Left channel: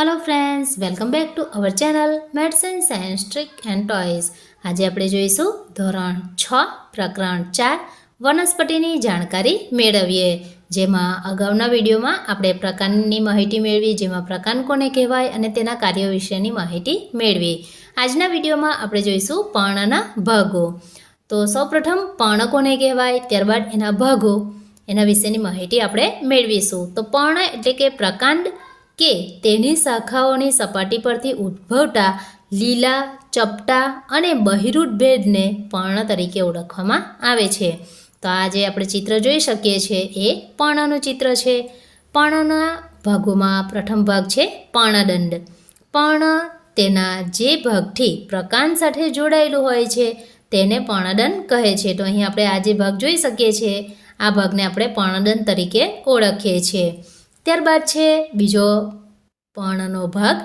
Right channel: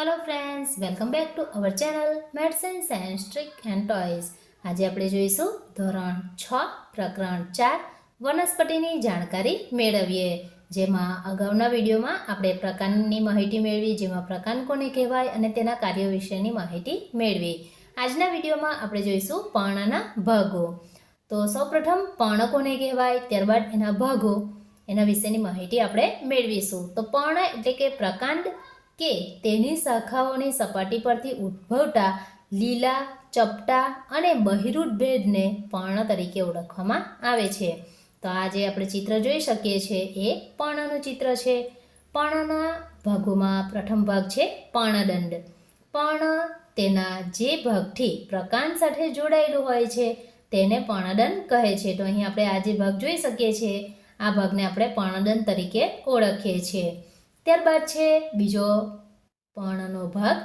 Hello friends, welcome back to our channel maths and science trick and toys. आज આપણે જોઈશું ધોરણ 6 પ્રકરણ 4 વનસ્પતિની જાણકારી મેળવીએ। જેમાં અગાઉના વિડીયોમાં આપણે પ્રકારની માહિતી મેળવી, જેમાં પ્રકાર કોને કહેવાય અને તેના કાર્યો વિશેની માહિતી મેળવી। આજના વિડીયોમાં આપણે જોઈશું પર્ણના ભાગો। તો સૌપ્રથમ પર્ણ કોને કહેવાય, ત્યારબાદ એના ભાગો, એના વિશેની માહિતી આપણે મેળવીશું। તો પર્ણ એટલે કે પ્રકાંડ કે તેની શાખાઓની સપાટી પરથી ઉદ્ભવતા લીલા, ચપટા અને બહિરૂઢ ભેદને પર્ણ તરીકે ઓળખવામાં આવે છે। તો આ જે આપણે ચિત્ર જોઈ શકીએ છીએ એ પર્ણનું ચિત્ર છે। પર્ણના ભાગોમાં પ્રથમ ભાગ છે પર્ણદંડ। પર્ણ તેના જે ભાગથી પ્રકાંડ સાથે જોડાયેલું હોય છે તેને પર્ણદંડ કહે છે। તો અહીં આપણે આ જે ભાગ જોઈ શકીએ છીએ, આ ભાગને આપણે પર્ણદંડ તરીકે ઓળખીએ છીએ। ત્યારબાદ છે બીજો પર્ણનો ભાગ,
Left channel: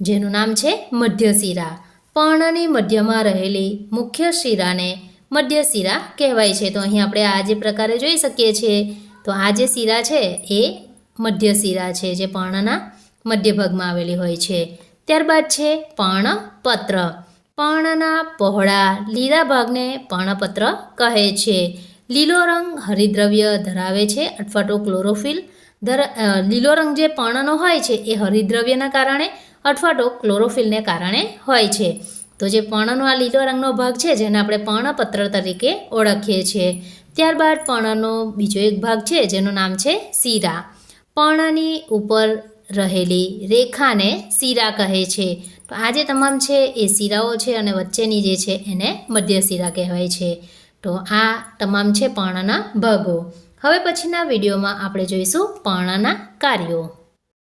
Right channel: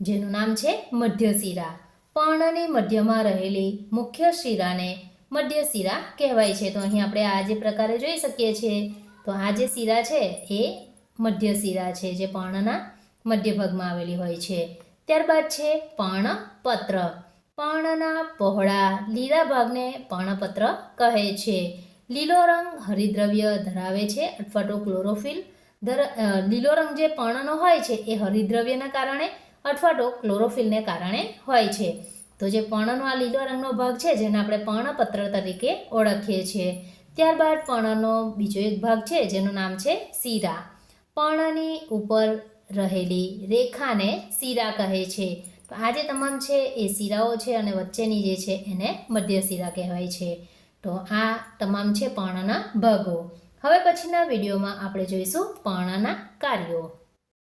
જેનું નામ છે મધ્યશિરા। પર્ણની મધ્યમાં રહેલી મુખ્ય શિરાને મધ્યશિરા કહેવાય છે। તો અહીં આપણે આ જે પ્રકારે જોઈ શકીએ છીએ, તો આ જે શિરા છે એ મધ્યશિરા છે, જે પર્ણના મધ્ય ભાગમાં આવેલી હોય છે। ત્યારબાદ છે પર્ણપત્ર। પર્ણના પહોળા લીલા ભાગને પર્ણપત્ર કહે છે। લીલો રંગ હરિદ્રવ્ય ધરાવે છે અથવા તો ક્લોરોફિલ। લીલો રંગ જે પર્ણનો હોય છે એ હરિદ્રવ્યના કારણે અથવા તો ક્લોરોફિલને કારણે હોય છે। તો જે પર્ણનો આ લીલો રંગનો ભાગ છે, જેને આપણે પર્ણપત્ર તરીકે ઓળખીએ છીએ। ત્યારબાદ પર્ણનો બીજો એક ભાગ છે જેનું નામ છે શિરા। પર્ણની ઉપર રહેલી રેખાને શિરા કહે છે। તો આ જે તમામ છે એ શિરાઓ છે અને વચ્ચેની જે છે એને મધ્યશિરા કહેવાય છે। તો આ તમામ છે પર્ણના ભાગો। હવે પછીના વિડીયોમાં આપણે જોઈશું પર્ણના કાર્યો।